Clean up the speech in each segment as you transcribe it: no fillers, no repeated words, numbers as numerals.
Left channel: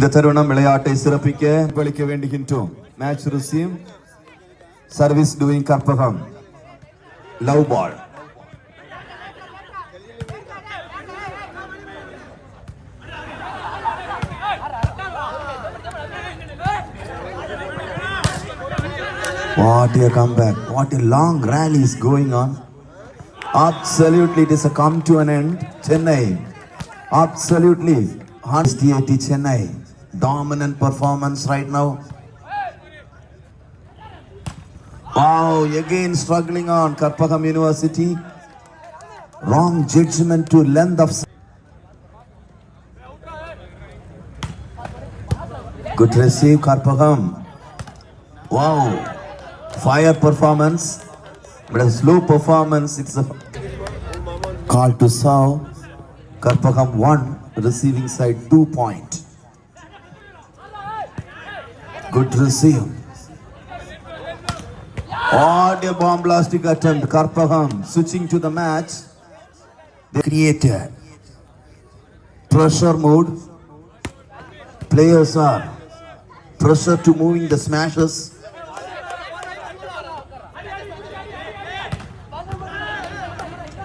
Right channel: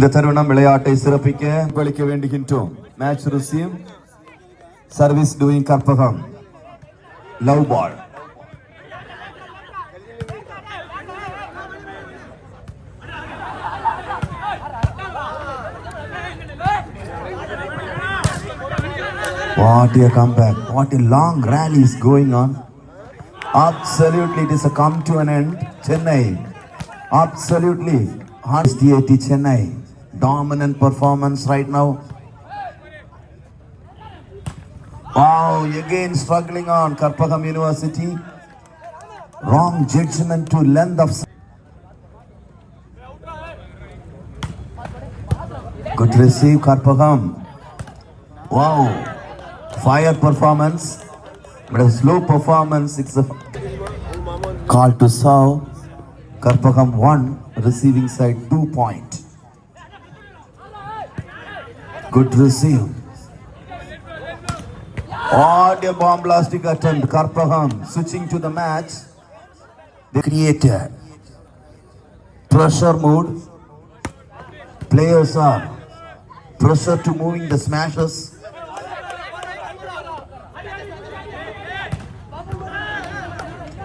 இந்த தருணம் விளையாட்டை சிறப்பிக்க அளிக்க வேண்டுகின்றோம். Match receive service doing Karpagam love ball. What a comeback, what a long rally is going on. Absolutely, it is a come to an end. Chennai, absolutely, STAT Chennai, dominant performance right now. Oh, again struggling on Karpagam University. Wrong judgment to length of. Good receive Karpagam. Wow, fire performance. But a slow performance. It's a call to serve. Karpagam 1, receiving side 2 point. Good receive. What a bomb blasting attempt. Karpagam switching to the match. They created pressure mode. Players are pressure to moving the smashes.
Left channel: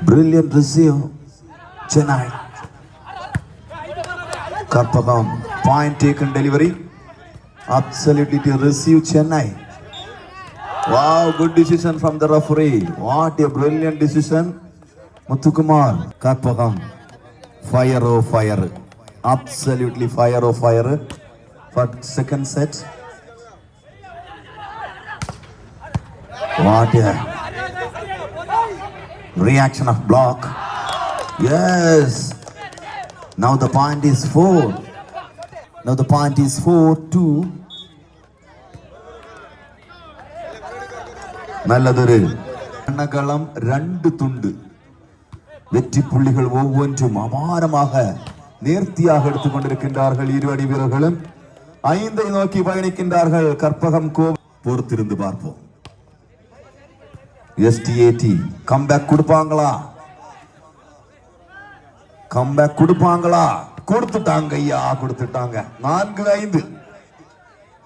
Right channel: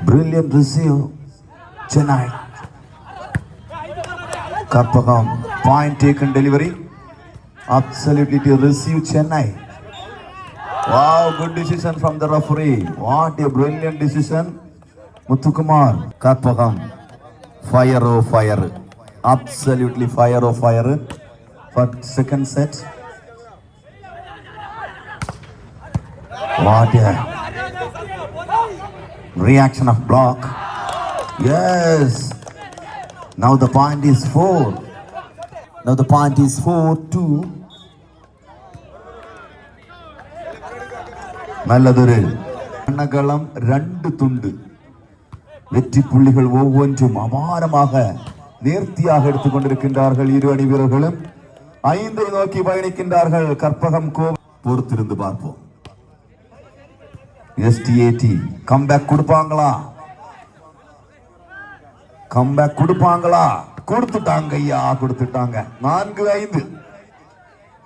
Brilliant receive, Chennai. Karpagam, point taken delivery. Absolutely to receive Chennai. Wow, good decision from the referee. What a brilliant decision. Muthukumar. Karpagam, fire oh fire. Absolutely fire oh fire. For second set. What a reaction of block. Yes. Now the point is 4. Now the point is 4-2. நல்லதொரு அன்னகளம் 2 துண்டு. வெற்றி புள்ளிகள் ஒவ்வொன்றும் அபாரமாக நேர்த்தியாக எடுத்துக் கொண்டிருக்கின்றார்கள். இரு அணி வீரர்களும் 5 நோக்கி பயணிக்கின்றார்கள். கற்பகம் பொறுத்திருந்து பார்ப்போம். STAT கம்பேக் கொடுப்பாங்களா? கம்பேக் கொடுப்பாங்களா? கொடுத்துட்டாங்க ஐயா, கொடுத்துட்டாங்க. 4-5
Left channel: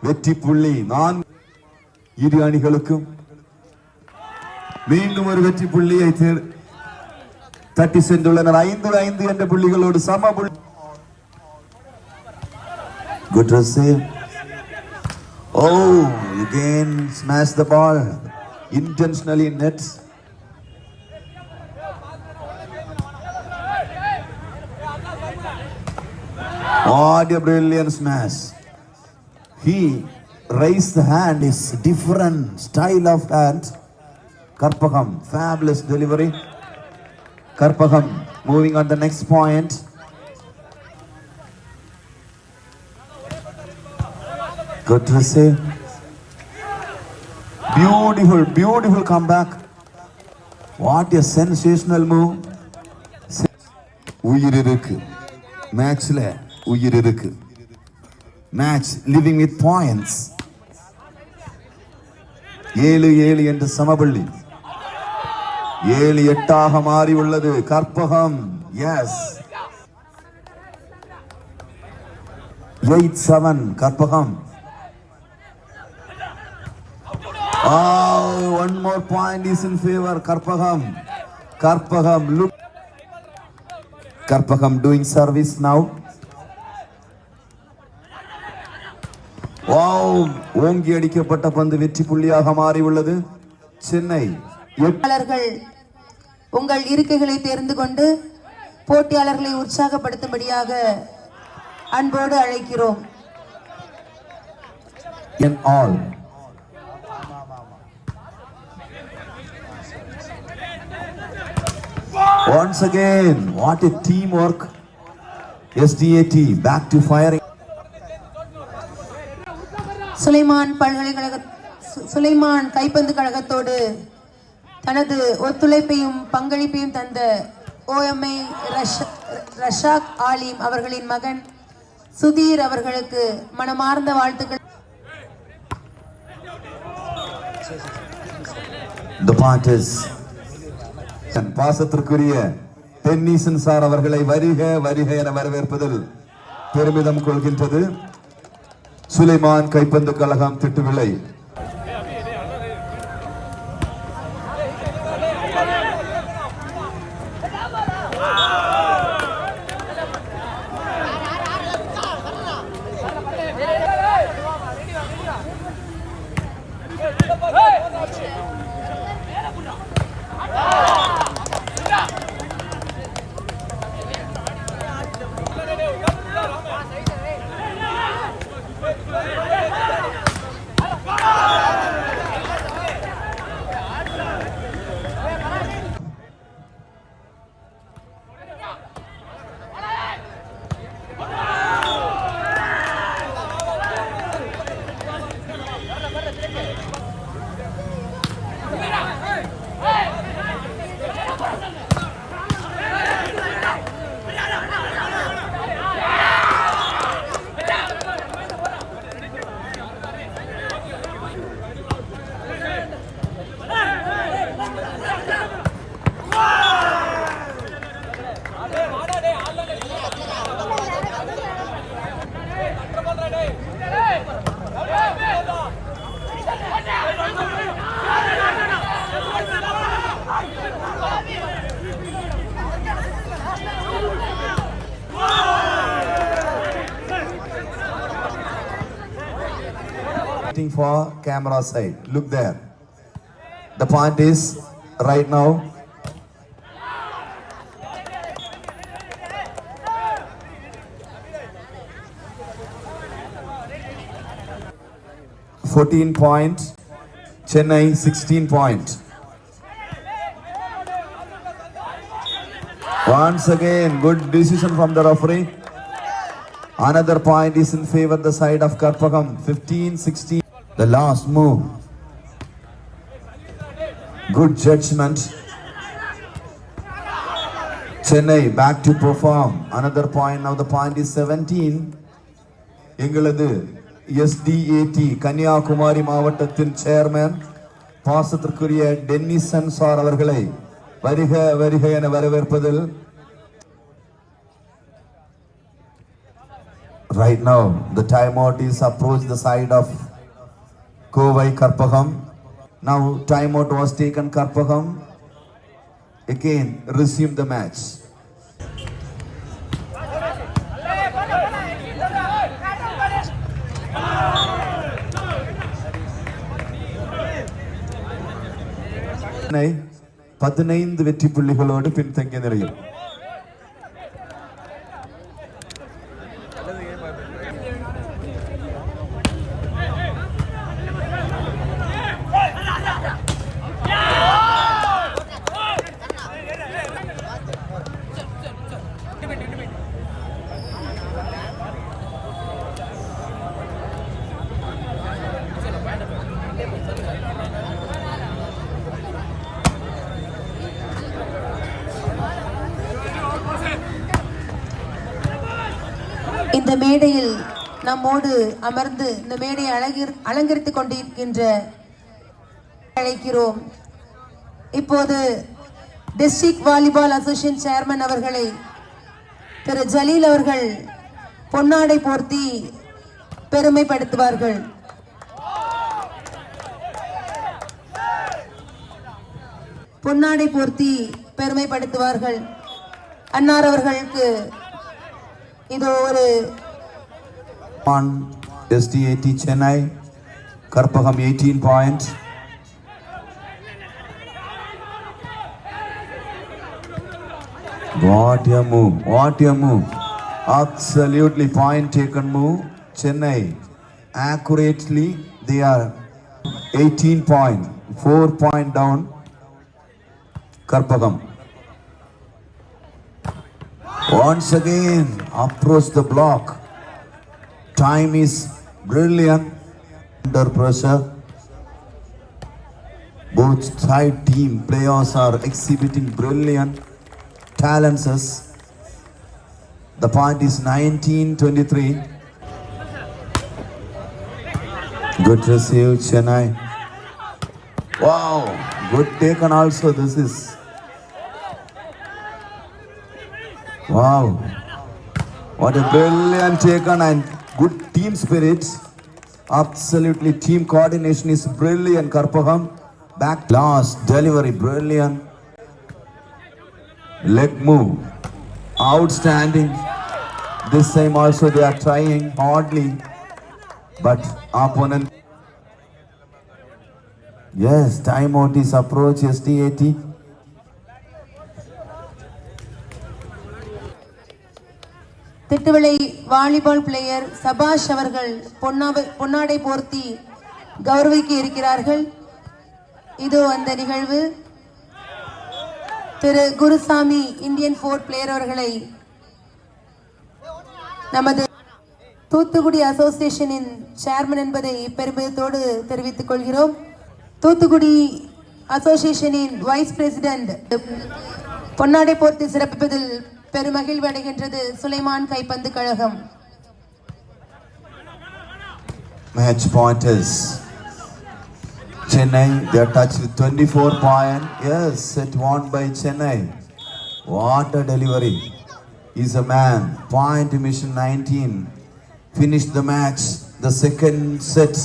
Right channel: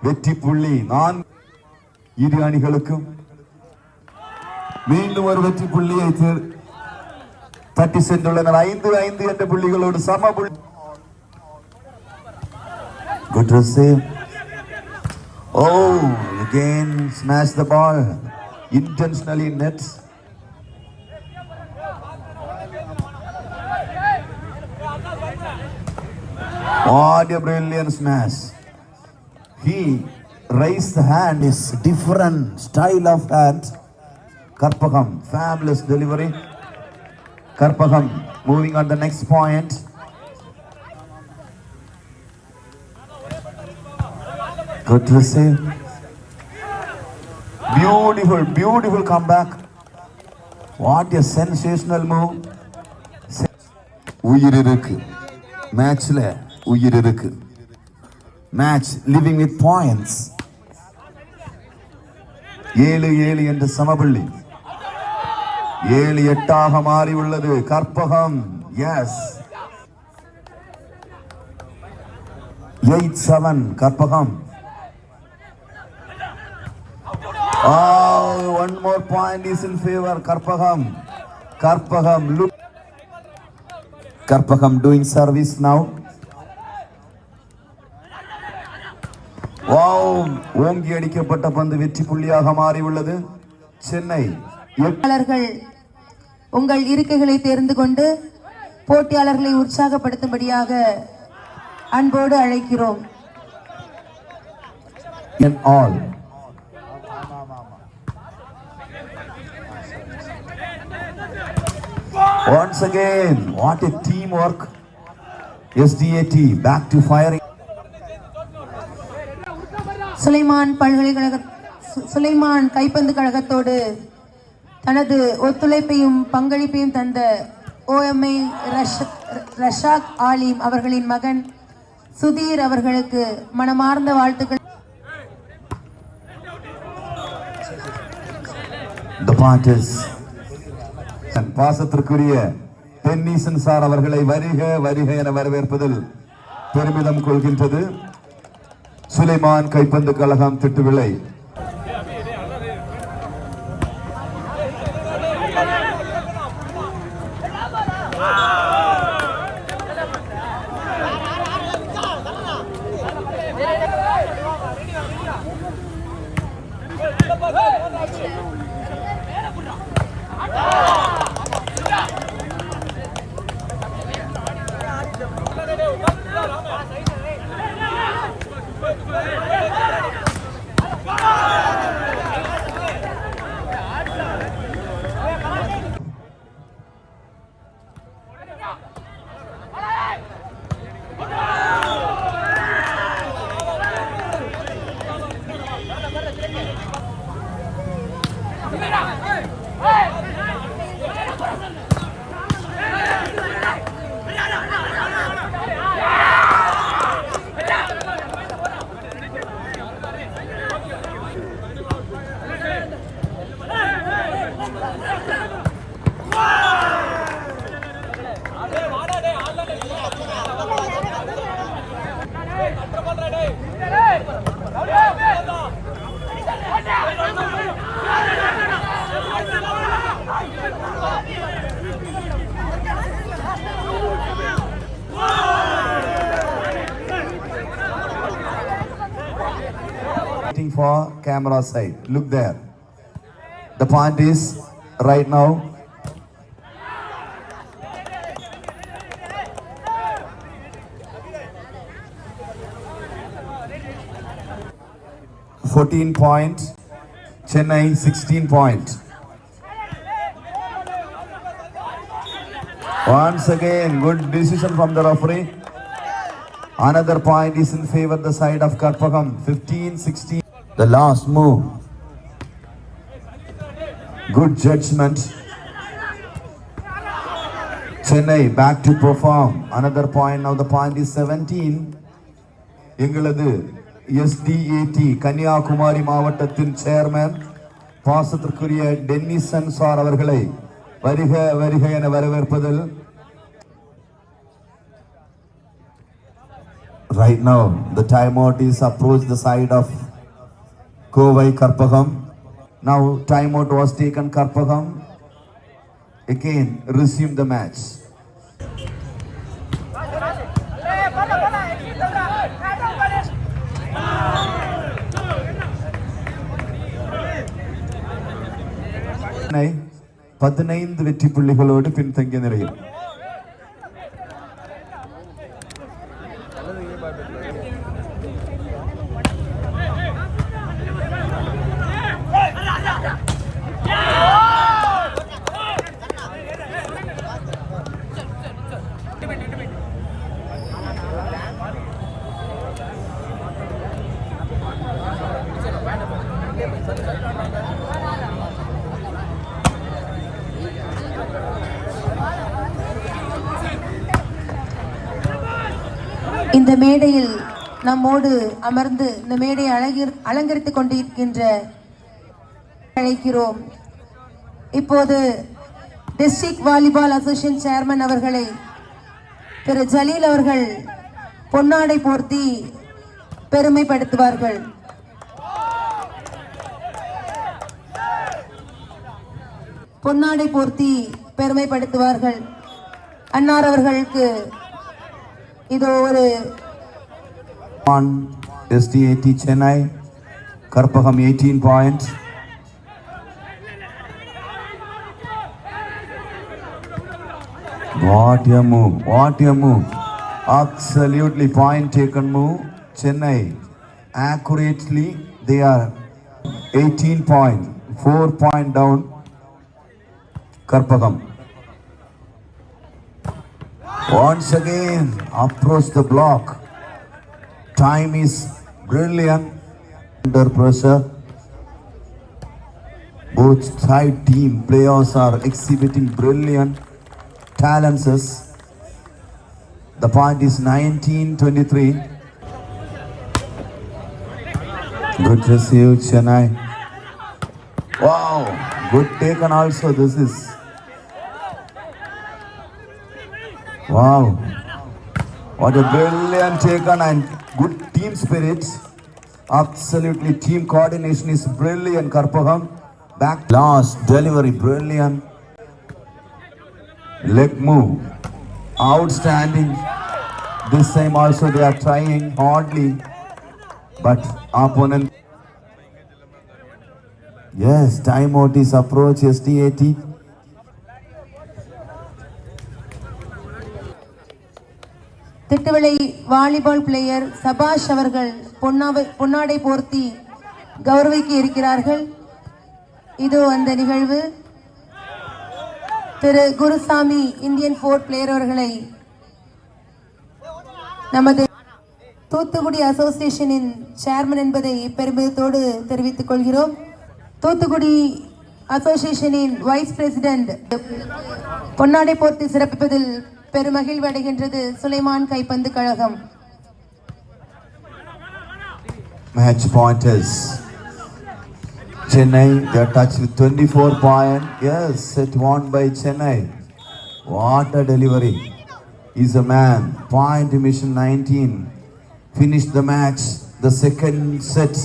வெற்றி புள்ளி. இரு அணிகளுக்கும் மீண்டும் ஒரு வெற்றி புள்ளியை தட்டி சென்றுள்ளனர். 5-5 என்ற புள்ளிகளோடு சம புள்ளி. Good receive. Oh, again smash the ball. Intentionally net. What a brilliant smash. He raised the hand. Is different style of hand. Karpagam, fabulous delivery. Karpagam moving on the next point. Good receive. Beautiful comeback. What a sensational move. உயிர் இருக்கு மேட்ச்ல, உயிர் இருக்கு. Match living with points. 7-7 என்ற சமபுள்ளி 7-8 மாறி உள்ளது. Karpagam S 8-7 Karpagam. One more point is in favor Karpagam. Karpagam doing service now. Wow, ஓங்கி அடிக்கப்பட்ட பந்து வெற்றி புள்ளியாக மாறி உள்ளது. சென்னை உங்கள் இருக்கைகளை தேர்ந்து கொண்டு போட்டியாளர்களை உற்சாகப்படுத்தும்படியாக அன்போடு அழைக்கிறோம். Once again, what a teamwork. SDAT back to firing. Sulaiman கைப்பந்து கழகத்தோடு தனது ஒத்துழைப்பையும் பங்களிப்பையும் தந்த OMI ரஷாக் ஆலிம் அவர்களின் மகன் சுதீர் அவர்களுக்கு மனமார்ந்த வாழ்த்துக்கள். The parties பாசத்திற்குரிய டென்னிசன் சார் அவர்களை வருக வருக என வரவேற்பதில் பெருமிதம் கொள்கின்றது. சுலைமான் கைப்பந்து கழகம் Thittuvilai. Waiting for camera side. Look there. The point is right now. .14 Chennai 16 point. Once again, good decision from the referee. Another point is in favor of the side of Karpagam. 15-16. The last move. Good judgment. Chennai back to perform. Another point. Now the point is 17. எங்களது SDAT கன்னியாகுமரி மாவட்டத்தின் சேர்மன் பாசத்திற்குரிய tennessine sir அவர்களை வருக வருக என வரவேற்பதில். Right now the timeout is approached the side of Kovai Karpagam. Now timeout was taken. Karpagam again resume the match. Chennai 15 வெற்றி புள்ளிகளோடு பின்தங்கிய நிலையில். இந்த மேடையில் நம்மோடு அமர்ந்து இந்த மேடையை அலங்கரித்துக் கொண்டிருக்கின்ற அழைக்கிறோம். இப்போது டிஸ்ட்ரிக்ட் வாலிபால் அசோசியேஷன் சேர்மன் அவர்களை திரு ஜலீல் அவர்கள் பொன்னாடை போர்த்தி பெருமைப்படுத்துவார்கள். பொன்னாடை போர்த்தி பெருமைப்படுத்துவார்கள். அன்னார் அவர்களுக்கு இதோ ஒரு SDAT Chennai Karpagam 18 points. What a move, what a move. Absolutely point taken move. Chennai accurately they are 18 point, 4 point down. Karpagam once again approach the block. Time is brilliant under pressure. Both side team players are exhibiting brilliant talents. The point is 19-23. Good receive Chennai. Wow, good taken also. This is wow. What a brilliant taken and good team spirit. Absolutely, team coordination is brilliant. Karpagam, back last delivery, brilliant. Leg move, outstanding. This time also they are trying hardly, but opponent. Yes, timeout is approach SDAT. Thittuvilai volleyball player சபாஷ் அவர்கள் பொன்னாடை போர்த்தி கௌரவிக்க இருக்கிறார்கள். இதோ அந்த நிகழ்வு. திரு Gurusamy Indian fort player அவர்களை நமது தூத்துக்குடி அசோசியேஷனின் சேர்மன் என்பதை பெருமிதத்தோடு தெரிவித்துக் கொள்கிறோம். தூத்துக்குடி அசோசியேஷனின் வைஸ் பிரசிடென்ட் பொன்னாடை போர்த்தி சிறப்பிப்பதில் பெருமகிழ்வு அடைகின்றது சுலைமான் கைப்பந்து கழகம். Match pointers. Chennai, they are touched with 24 points. Yes, set won by Chennai. What a delivery. He's a man. Point mission 19. Finished the match. The second set